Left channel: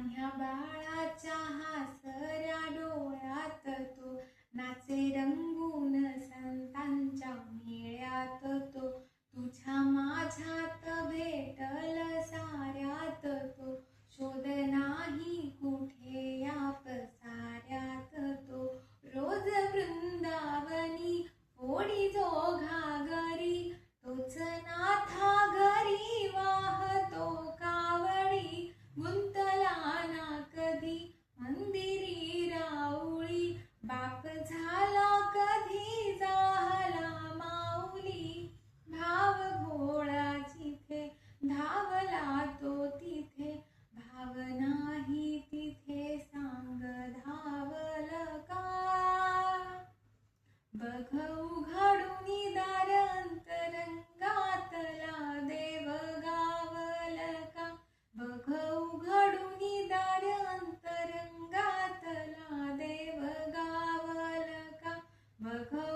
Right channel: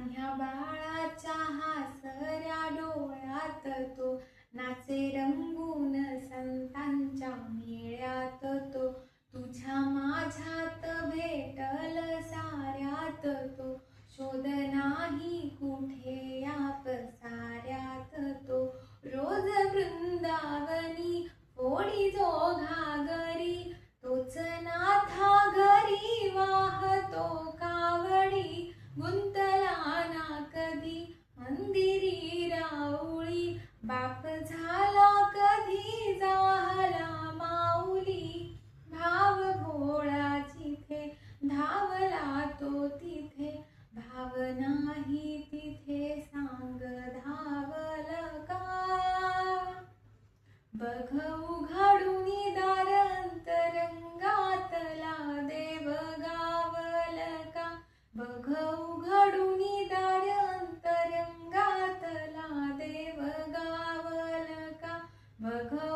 लहान्या बाळाच्या हासऱ्या डोळ्यात तो नाचे रंगून संतांच्या मेळ्यात तो तुझ्या माझ्यात भेटल साऱ्यात तो शोध नाही कुठे या पसाऱ्यात तो रोज वृंदावनी फोडी जो घागरी तोच नाथा घरी वाहतो कावडी गुंतला ना कधी मंदिरी राऊळी बाप झाला कधी झाला माऊली भाव भोळा जिथे धावला तो तिथे भाव नाही तिथे सांग धावल का बघ उघडूनी दार अंतरंगातला देव गावल का बघ उघडूनी दार अंतरंगातला देव गावल का बघ